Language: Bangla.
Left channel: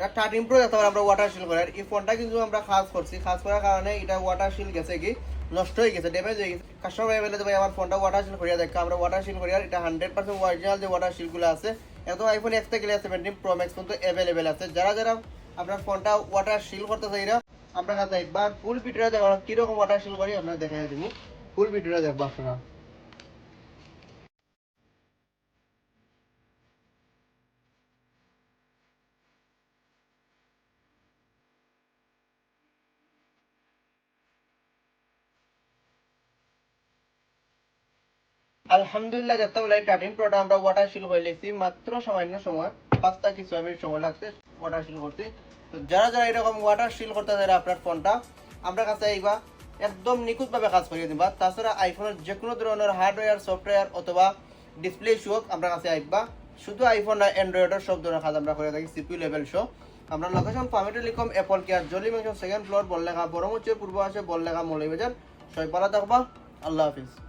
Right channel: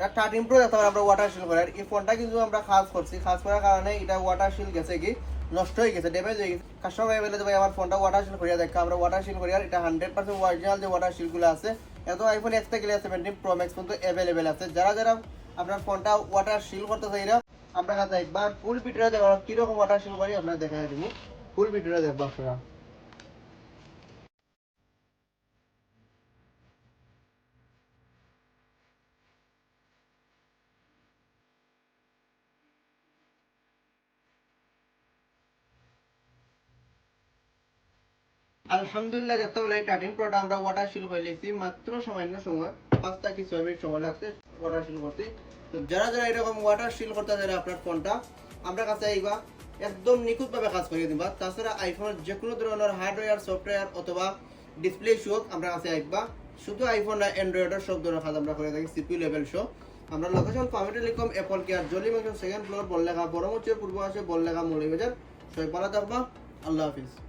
13 প্রো দেখতে আমরা ওয়াটার শিল করার এই ফোনটা কিন্তু আমরা খাস করছি, খাস করার কারণে এটা ওয়াটার শিল গেছে কি নষ্ট হয়ে গেছে, ড্যামেজ হয়ে গেছে। কাস্টমার বলে ভাই আমার ফোনটা ওয়াটার শিল করিয়া দেখা, আমরা ওয়াটার শিল করিয়া এটা 100% অরিজিনাল যে ওয়াটার শিলগুলো আছে একদম আইফোন এক্স থেকে 17 প্রো ম্যাক্স পর্যন্ত অ্যাভেলেবেল আছে। যারা যারা আপনার ফোনটা ওয়াটার শিল করতে চাইরা আমরা কাছে একবার ফুল ভিডিওটা দেখো কিরকম ওয়াটার শিল করি আপনারা দেখাই দিব, ফুল ভিডিওটা দেখবো আপনারা। আলহামদুলিল্লাহ দেখতে বলে 13 প্রোটা আমরা ওয়াটার শিল করে লিখছি মাত্র সামান্য সময়, 5 থেকে 6 মিনিট সময় লাগছে ওয়াটার শিল করতে। তো যারা যারা এরকম ওয়াটার শিল করতে চাইলে আপনার ফোনটা আমরা কাছে আইবা একদম নিখুঁতভাবে কাজ করে দিবা। তাছাড়া আইফোনের যে কোনো ধরনের হার্ডওয়্যার সফটওয়্যার অথবা ডিসপ্লে শো আমরা কাছে আইবা, শুধু আইফোন না অ্যান্ড্রয়েডের সব ধরনের কাজ আমরা করে থাকি সিপিইউ লেভেল শো। আমরা লোকেশন ফার্মে telecom Apple care Jolly mansion second floor Barlekha বড়মুচের পূর্ব আসে বললেখা মৌলভীবাজার। সবাই ভালো থাকবা, আল্লাহ হাফিজ।